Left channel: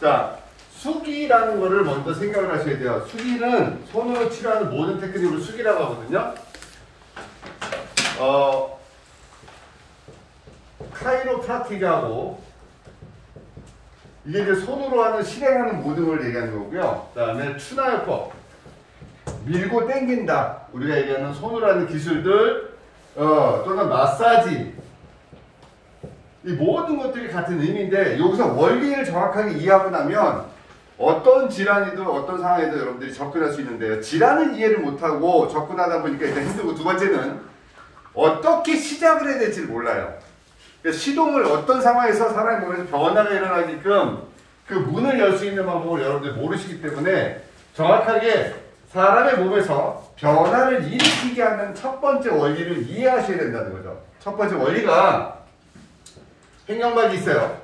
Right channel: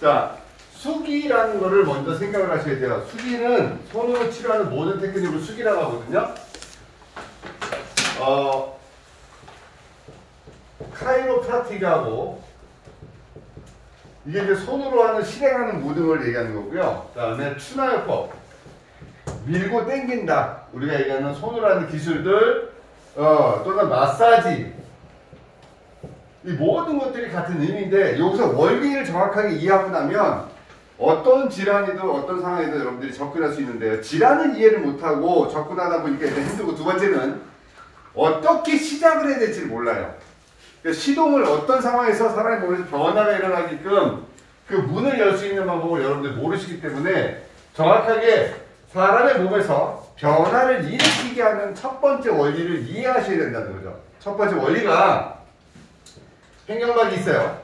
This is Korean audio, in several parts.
자, 수기라는 거를 먼저 생각을 하셔야 돼요. 수기는 손으로 치료하는 모든 테크닉을 수기라고 하거든요. 카이로프라틱하고 이게 이제 손으로 하는 실행하는 모든 걸 얘기하는 거고요. 그 다음에 추나요법, 밀고 당긴다, 우리가 얘기하는 손으로 하는 기술들, 또는 마사지, 이 모든 것들이 같은 의미인데, 여기서 원리를 정확하게 이해하고 나면 어떤 질환이든 어떤 상황에도 여러분들이 접근할 수 있는데요. 질환을 이해를 못하고 접근하다 보니까 일단 힘들고, 두 번째는 어떻게 시작을 해야 될지를 몰라요. 시동을 어떤 상황에서 사람의 몸에서 변화가 일어나게끔 그 문을 열 수 있는 방법을 여러분들이 모르시기 때문에 정확하게 사람의 몸에서 변화를 일으키게 하는 첫 번째 원리를 이해하셔야 된다는 거죠. 첫 번째 원리가 횡격막이 있어요.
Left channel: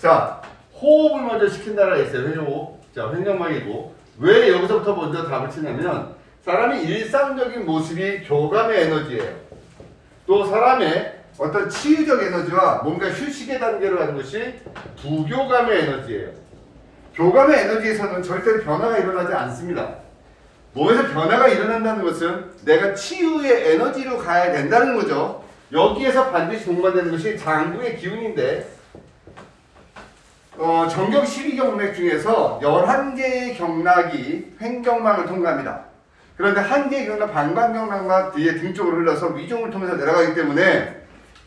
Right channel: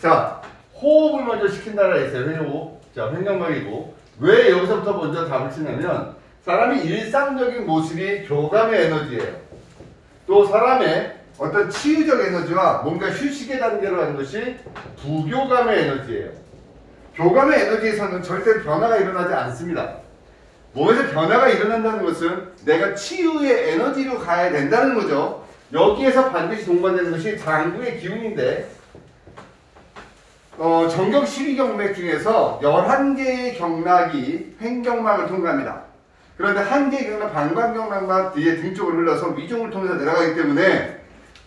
자, 호흡을 먼저 시킨다라 했어요. 회전호흡. 자, 횡격막이고, 왜 여기서부터 먼저 답을 치냐면 사람이 일상적인 모습이 교감의 에너지예요. 또 사람의 어떤 치유적 에너지와 뭔가 휴식의 단계로 가는 것이 부교감의 에너지예요. 교감의 에너지에서는 절대로 변화가 일어나지 않습니다. 몸에서 변화가 일어난다는 것은 내가 치유의 에너지로 가야 된다는 거죠. 여기에서 반드시 동반되는 것이 장부의 기운인데, 정경 12경맥 중에서 11개의 경락이 횡격막을 통과합니다. 그런데 한 개의 경락, 방광경락만 뒤에 등 쪽으로 흘러서 위종을 통해서 내려가기 때문에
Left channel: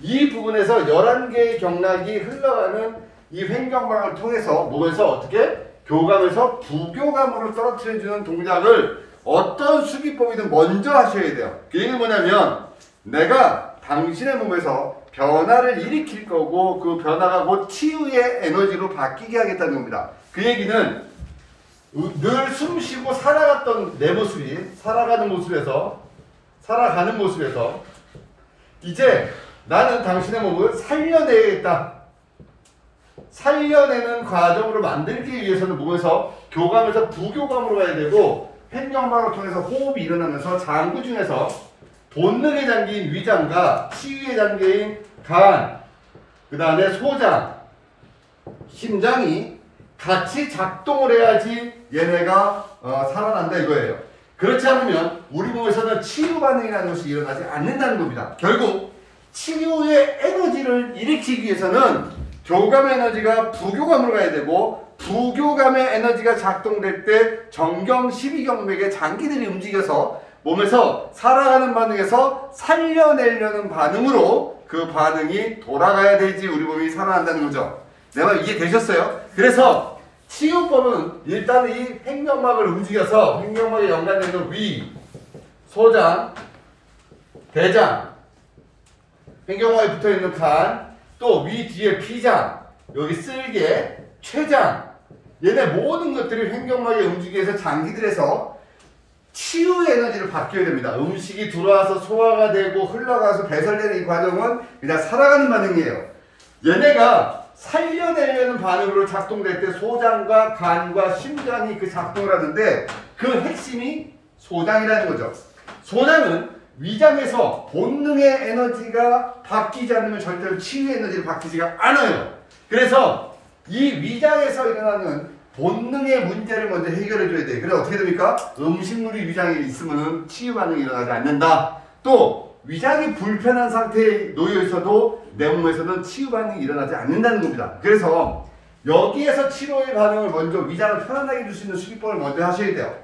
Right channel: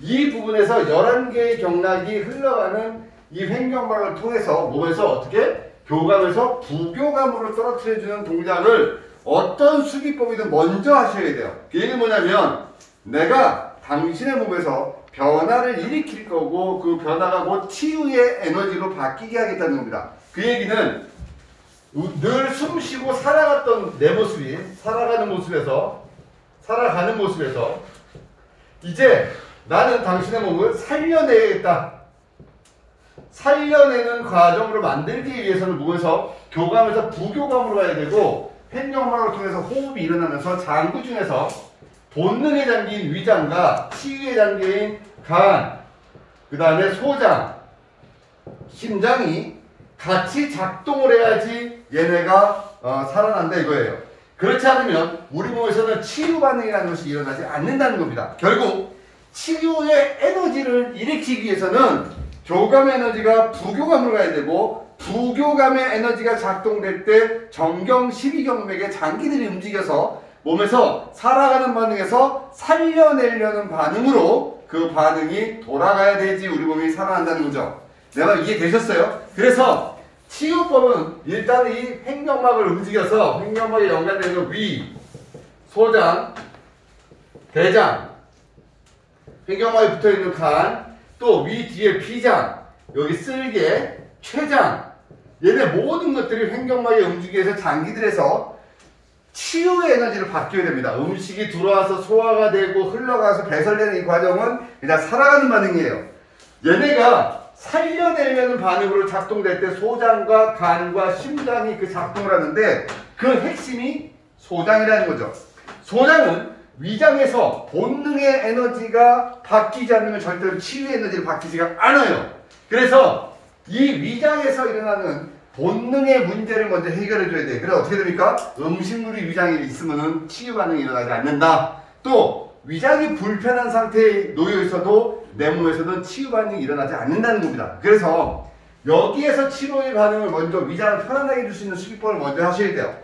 이 부분에서 11개의 경락이 흘러가는 이 횡격막을 통해서 몸에서 어떻게 교감에서 부교감으로 떨어뜨려주는 동작을 어떤 수기법이든 먼저 하셔야 돼요. 그 얘기는 뭐냐면 내가 당신의 몸에서 변화를 일으킬 거고 그 변화가 곧 치유의 에너지로 바뀌게 하겠다는 겁니다. 그 얘기는 늘 숨쉬고 살아갔던 내 모습이 살아가는 모습에서 이제 나는 당신의 몸을 살려내야겠다. 살려내는 과정으로 만들기 위해서는 몸에서 교감에서 부교감으로 가야 되고, 횡격막을 통해서 호흡이 일어나면서 장부 중에서 본능의 장기인 위장과 치유의 장기인 간, 그 다음에 소장, 심장이 같이 작동을 해야지 얘네가 살아난다 이거예요. 그렇지 않으면 우리 몸에서는 치유 반응이라는 것이 일어나지 않는다는 겁니다. 결국 치유의 에너지를 일으키기 위해서는 교감의 에너지가 부교감으로 가야 되고, 부교감의 에너지가 작동될 때 정경 12경맥의 장기들이 움직여서 몸에서 살아가는 반응에서 살려내려는 반응으로 그 반응이 돌아가야 되지 우리 몸이 살아난다는 거죠. 내 말 이해되셨어요? 그래서 치유법은 일단 이 횡격막을 움직여서 횡격막에 연관되는 위, 소장, 대장, 횡격막에 붙어있는 간, 또 위 뒤에 피장, 여기 쓸개, 췌장, 얘네 모든 것들이 횡격막에 움직여서 장기들에서 치유의 에너지를 받게 됩니다. 음식이 들어와서 소화가 되고 흘러가서 배설되는 이 과정은 그냥 살아가는 반응이에요. 얘네가 살려내려는 반응으로 작동될 때 소장과 간과 심장이 그 작동을 하는데 그 핵심이 소장이라는 거죠. 소장은 위장에서 본능의 에너지가 바뀌지 않으면 절대로 치유의 에너지를 바뀌지가 않아요. 그래서 이 위장에서 일어나는 본능의 문제를 먼저 해결해 줘야 돼. 그래서 어떻게 됩니까? 음식물이 위장에 있으면 치유 반응이 일어나지 않는다. 또 위장이 불편한 상태에 놓여 있어도 내 몸에서는 치유 반응이 일어나지 않는다는 겁니다. 그래서 여기에서 치료의 반응을 먼저 위장을 편안하게 해줄 수 있는 수기법을 먼저 하셔야 돼요.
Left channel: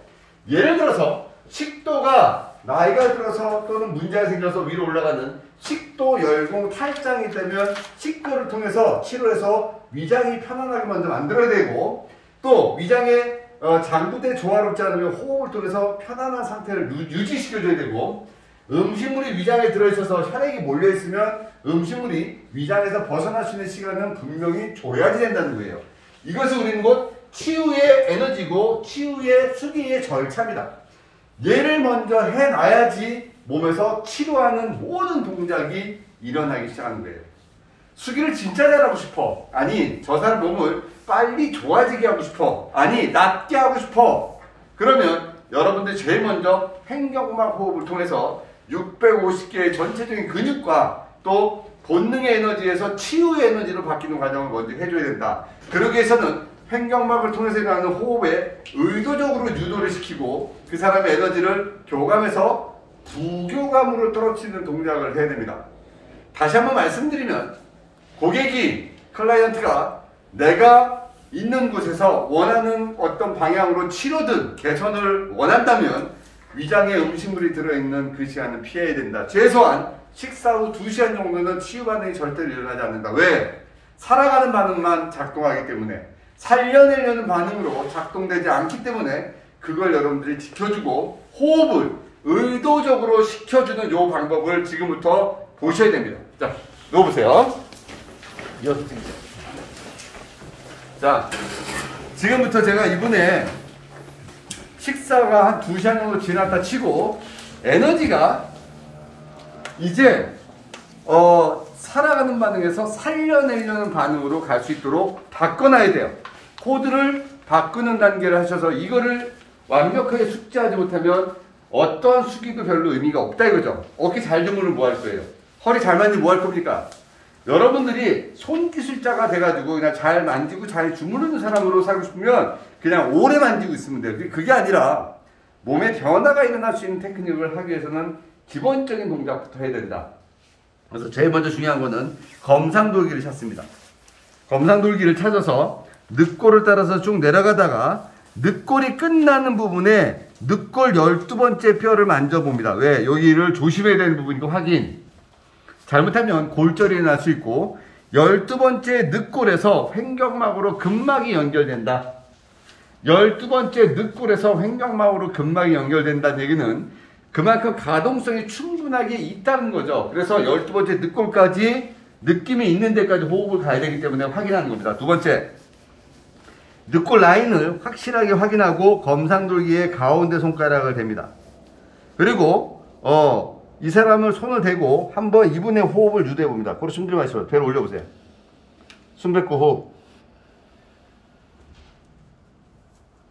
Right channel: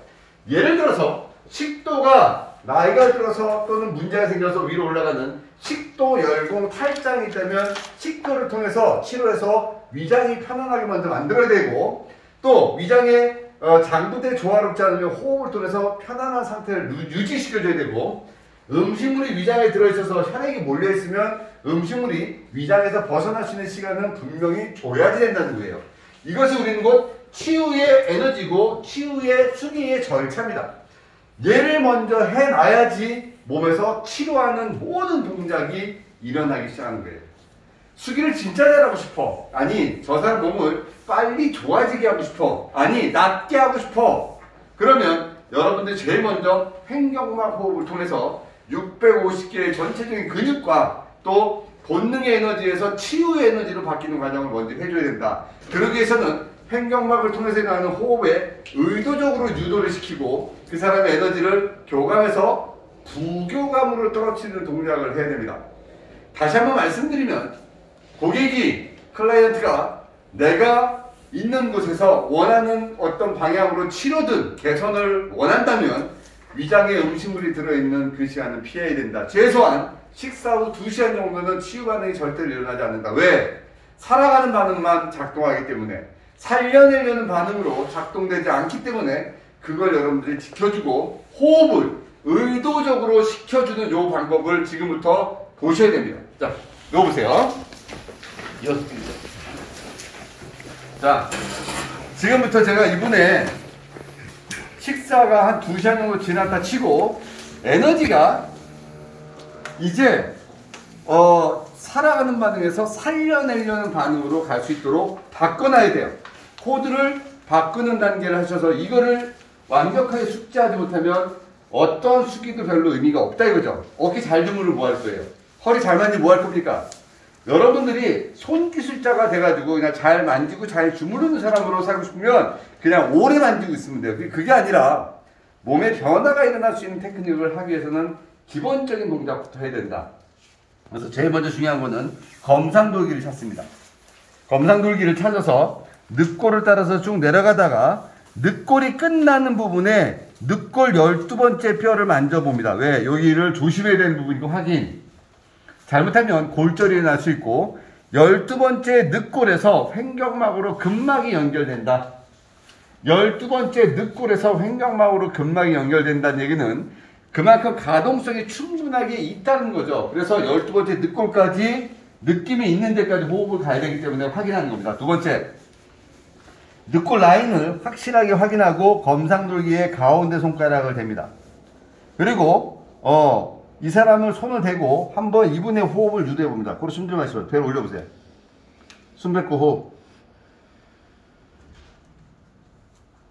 예를 들어서 식도가 나이가 들어서 또는 문제가 생겨서 위로 올라가는 식도 열공 탈장이 있다면 식도를 통해서 치료해서 위장이 편안하게 먼저 만들어야 되고, 또 위장의 장부대 조화롭지 않으면 호흡을 통해서 편안한 상태를 유지시켜줘야 되고, 음식물이 위장에 들어있어서 혈액이 몰려있으면 음식물이 위장에서 벗어날 수 있는 시간은 분명히 줘야지 된다는 거예요. 이것이 우리는 곧 치유의 에너지고 치유의 수기의 절차입니다. 얘를 먼저 해놔야지 몸에서 치료하는 모든 동작이 일어나기 시작하는 거예요. 수기를 진짜 잘하고 싶어. 아니, 저 사람 몸을 빨리 좋아지게 하고 싶어. 아니, 낫게 하고 싶어. 그러면 여러분들 제일 먼저 횡격막 호흡을 통해서 650개의 전체적인 근육과 또 본능의 에너지에서 치유의 에너지로 바뀌는 과정을 먼저 해줘야 된다. 그러기 위해서는 횡격막을 통해서 일어나는 호흡에 의도적으로 유도를 시키고 그 사람의 에너지를 교감에서 부교감으로 떨어뜨리는 동작을 해야 됩니다. 다시 한번 말씀드리면 고객이, 클라이언트가 내가 있는 곳에서 원하는 어떤 방향으로 치료든 개선을 원한다면 위장에 음식물이 들어있는 그 시간은 피해야 된다. 최소한 식사 후 2시간 정도는 치유 반응이 절대로 일어나지 않는다. 왜? 살아가는 반응만 작동하기 때문에, 살려내려는 반응으로 작동되지 않기 때문에 그걸 여러분들이 지켜주고 호흡을 의도적으로 시켜주는 요 방법을 지금부터 보셔야 됩니다. 자, 놓아보세요. 자, 지금부터 제가 이분의 식사가 한 2시간 정도 지났다 치고 에너지가 이제 살아가는 반응에서 살려내려는 반응으로 갈 수 있도록 바꿔놔야 돼요. 코드를 바꾸는 단계를 하셔서 이거를 완벽하게 숙지하지 못하면 어떤 수기도 별로 의미가 없다 이거죠. 어깨 잘 주무르면 뭐 할 거예요? 허리 잘 만지면 뭐 할 겁니까? 여러분들이 손기술자가 돼가지고 그냥 잘 만지고 잘 주무르는 사람으로 살고 싶으면 그냥 오래 만지고 있으면 돼요. 그게 아니라 몸에 변화가 일어날 수 있는 테크닉을 하기 위해서는 기본적인 동작부터 해야 된다. 그래서 제일 먼저 중요한 거는 검상돌기를 찾습니다. 검상돌기를 찾아서 늑골을 따라서 쭉 내려가다가 늑골이 끝나는 부분에 늑골 12번째 뼈를 만져봅니다. 왜? 여기를 조심해야 되는 부분이고 확인. 잘못하면 골절이 날 수 있고 12번째 늑골에서 횡격막으로 근막이 연결된다. 12번째 늑골에서 횡격막으로 근막이 연결된다는 얘기는 그만큼 가동성이 충분하게 있다는 거죠. 그래서 12번째 늑골까지 느낌이 있는 데까지 호흡을 가야 되기 때문에 확인하는 겁니다. 두 번째, 늑골 라인을 확실하게 확인하고 검상돌기의 가운데 손가락을 댑니다. 그리고 이 사람을 손을 대고 한번 이분의 호흡을 유도해 봅니다. 코로 숨 들여 마시고 배를 올려보세요. 숨 뱉고 호흡.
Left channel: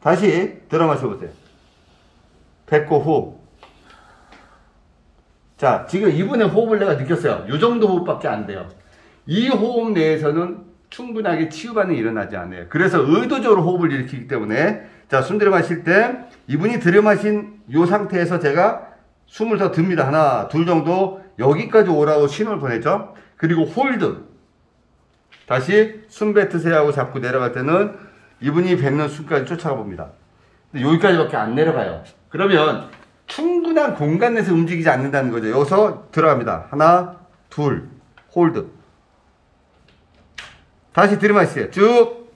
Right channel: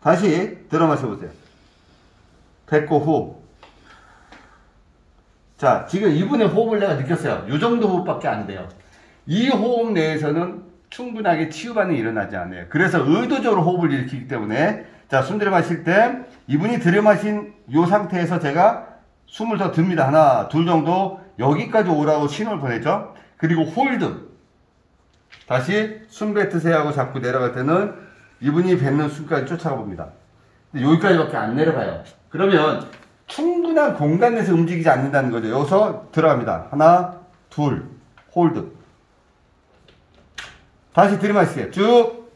다시 들어 마셔보세요. 뱉고 호흡. 자, 지금 이분의 호흡을 내가 느꼈어요. 이 정도 호흡밖에 안 돼요. 이 호흡 내에서는 충분하게 치유 반응이 일어나지 않아요. 그래서 의도적으로 호흡을 일으키기 때문에, 자, 숨 들여 마실 때 이분이 들여 마신 이 상태에서 제가 숨을 더 듭니다. 하나, 둘 정도 여기까지 오라고 신호를 보냈죠. 그리고 홀드. 다시 숨 뱉으세요 하고 자꾸 내려갈 때는 이분이 뱉는 숨까지 쫓아가 봅니다. 근데 여기까지밖에 안 내려가요. 그러면 충분한 공간 내에서 움직이지 않는다는 거죠. 여기서 들어갑니다. 하나, 둘, 홀드. 다시 들이마시세요. 쭉.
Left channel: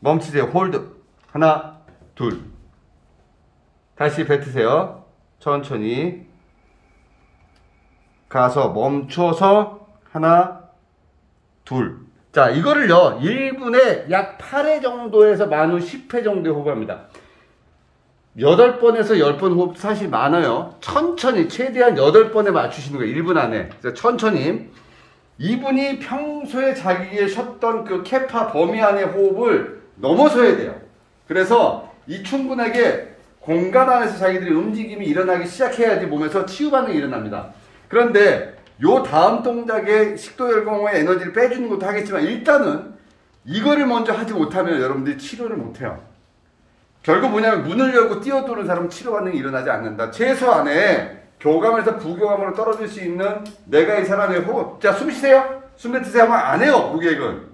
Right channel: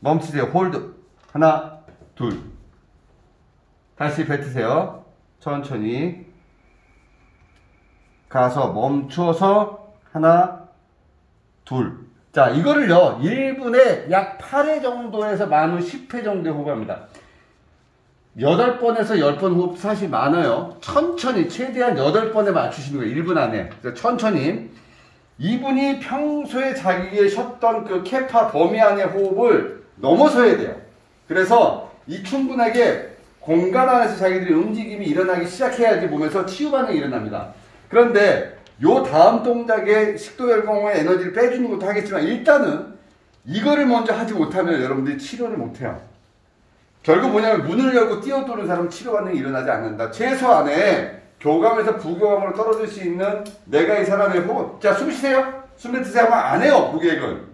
멈추세요. 홀드. 하나, 둘. 다시 뱉으세요. 천천히. 가서 멈춰서 하나, 둘. 자, 이거를요, 1분에 약 8회 정도에서 만후 10회 정도에 호흡합니다. 8번에서 10번 호흡 사실 많아요. 천천히, 최대한 8번에 맞추시는 거예요. 1분 안에. 그래서 천천히. 이분이 평소에 자기의 쉬었던 그 캐파 범위 안의 호흡을 넘어서야 돼요. 그래서 이 충분하게 공간 안에서 자기들이 움직임이 일어나기 시작해야지 몸에서 치유 반응이 일어납니다. 그런데 요 다음 동작에 식도열공의 에너지를 빼주는 것도 하겠지만 일단은 이거를 먼저 하지 못하면 여러분들이 치료를 못해요. 결국 뭐냐면 문을 열고 뛰어도는 사람은 치료 반응이 일어나지 않는다. 최소한의 교감에서 부교감으로 떨어질 수 있는 내가 이 사람의 호흡. 자, 숨 쉬세요. 숨 뱉으세요 하면 안 해요. 고객은.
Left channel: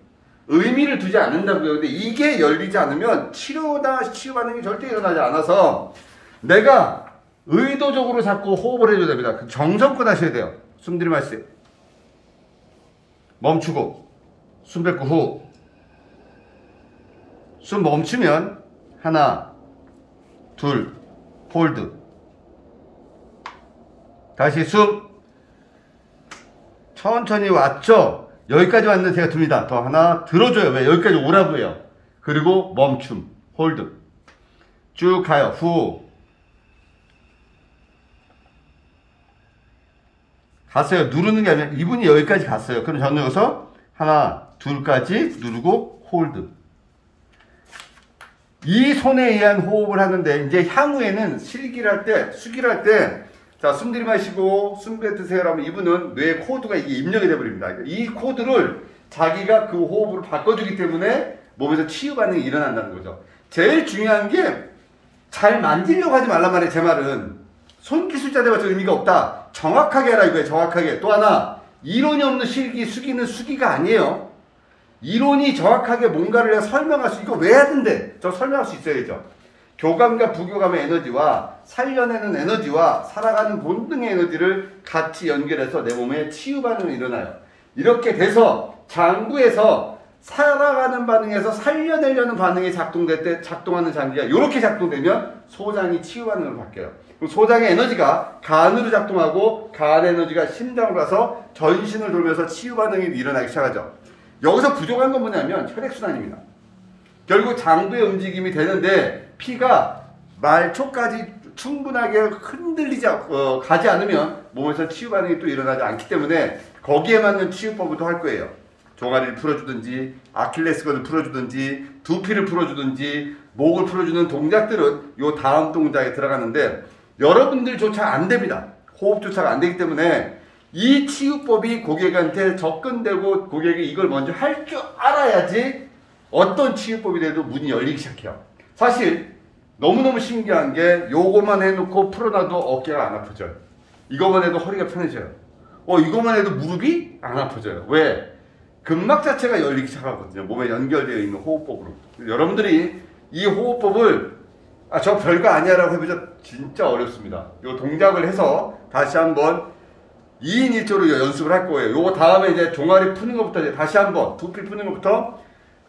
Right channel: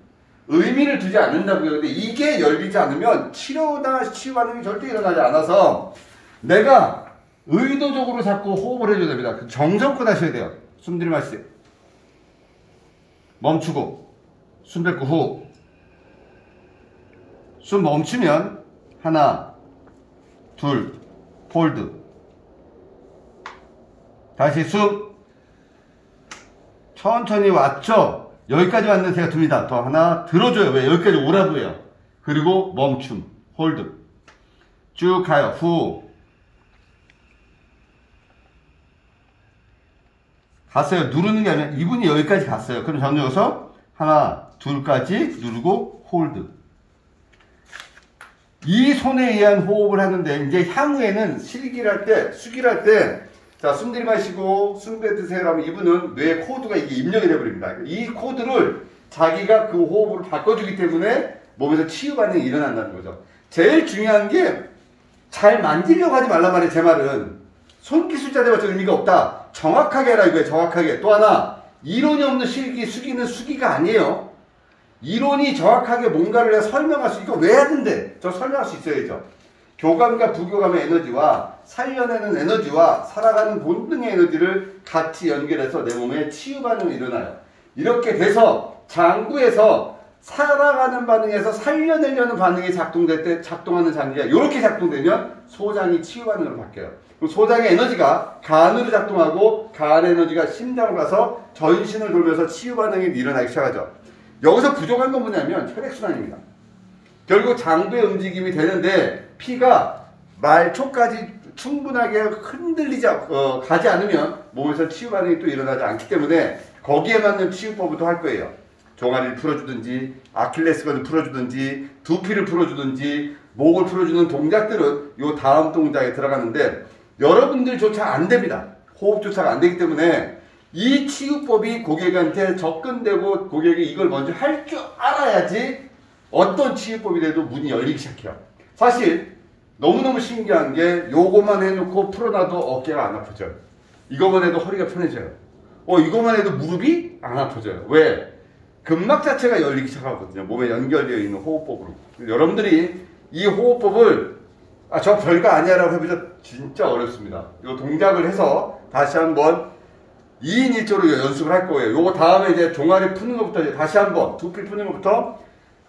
의미를 두지 않는다고요. 근데 이게 열리지 않으면 치료나 치유 반응이 절대 일어나지 않아서 내가 의도적으로 자꾸 호흡을 해줘야 됩니다. 정성껏 하셔야 돼요. 숨 들이마시세요. 멈추고 숨 뱉고 호흡. 숨 멈추면 하나, 둘, 홀드. 다시 숨. 천천히 왔죠? 여기까지 왔는데 제가 둡니다. 더 하나 들어줘요. 왜? 여기까지 오라고 해요. 그리고 멈춤. 홀드. 쭉 가요. 후. 갔어요. 누르는 게 아니라 이분이 여기까지 갔어요. 그럼 저는 여기서 하나, 둘까지 누르고 홀드. 이 손에 의한 호흡을 하는데 이제 향후에는 실기를 할 때, 수기를 할 때 자, 숨 들이마시고 숨 뱉으세요 하면 이분은 뇌 코드가 이게 입력이 되어버립니다. 이 코드를 자기가 그 호흡으로 바꿔주기 때문에 몸에서 치유 반응이 일어난다는 거죠. 제일 중요한 게 잘 만지려고 하지 말란 말이에요. 제 말은 손기술자 대봤자 의미가 없다. 정확하게 하라 이거예요. 정확하게. 또 하나, 이론이 없는 실기, 수기는 수기가 아니에요. 이론이 정확하게 뭔가를 설명할 수, 이거 왜 해야 된대? 저 설명할 수 있어야죠. 교감과 부교감의 에너지와 살려내는 에너지와 살아가는 본능의 에너지를 같이 연결해서 내 몸에 치유 반응이 일어나요. 이렇게 돼서 장구에서 살아가는 반응에서 살려내려는 반응이 작동될 때 작동하는 장기가 이렇게 작동되면 소장이 치유 반응으로 바뀌어요. 그럼 소장의 에너지가 간으로 작동하고 간 에너지가 심장으로 가서 전신을 돌면서 치유 반응이 일어나기 시작하죠. 여기서 부족한 건 뭐냐면 혈액순환입니다. 결국 장부의 움직임이 되는데 피가 말초까지 충분하게 흔들리지 가지 않으면 몸에서 치유 반응이 또 일어나지 않기 때문에 거기에 맞는 치유법을 또 할 거예요. 종아리를 풀어주든지 아킬레스건을 풀어주든지 두피를 풀어주든지 목을 풀어주는 동작들은 요 다음 동작에 들어가는데 여러분들조차 안 됩니다. 호흡조차가 안 되기 때문에 이 치유법이 고객한테 접근되고 고객이 이걸 먼저 할 줄 알아야지 어떤 치유법이라도 문이 열리기 시작해요. 사실 너무너무 신기한 게 요거만 해놓고 풀어놔도 어깨가 안 아프져요. 이거만 해도 허리가 편해져요. 이거만 해도 무릎이 안 아프져요. 왜? 근막 자체가 열리기 시작하거든요. 몸에 연결되어 있는 호흡법으로. 여러분들이 이 호흡법을 저 별거 아니야 라고 해보자 진짜 어렵습니다. 요 동작을 해서 다시 한번 2인 1조로 연습을 할 거예요. 요거 다음에 이제 종아리 푸는 것부터 이제 다시 한번 두피 푸는 것부터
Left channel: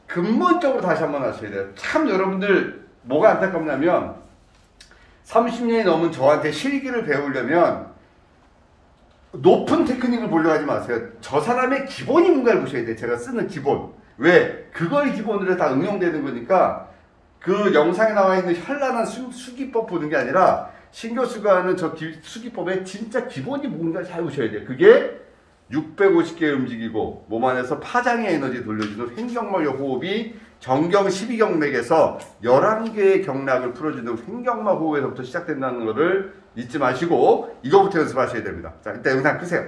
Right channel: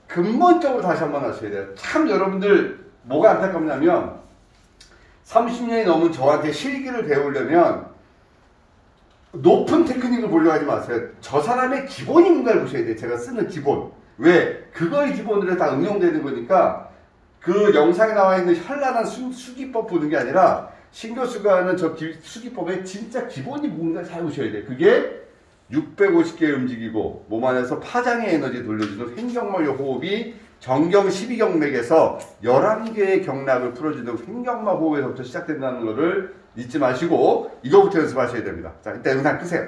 근본적으로 다시 한번 하셔야 돼요. 참 여러분들 뭐가 안타깝냐면 30년이 넘은 저한테 실기를 배우려면 높은 테크닉을 보려고 하지 마세요. 저 사람의 기본이 뭔가를 보셔야 돼요. 제가 쓰는 기본. 왜? 그걸 기본으로 해서 다 응용되는 거니까 그 영상에 나와 있는 현란한 수기법 보는 게 아니라 신교수가 하는 저 수기법의 진짜 기본이 뭔가 잘 보셔야 돼요. 그게 650개 움직이고 몸 안에서 파장의 에너지 돌려주는 횡격막의 호흡이 정경 12경맥에서 11개의 경락을 풀어주는 횡격막 호흡에서부터 시작된다는 것을 잊지 마시고 이거부터 연습하셔야 됩니다. 자, 이따 영상 끄세요.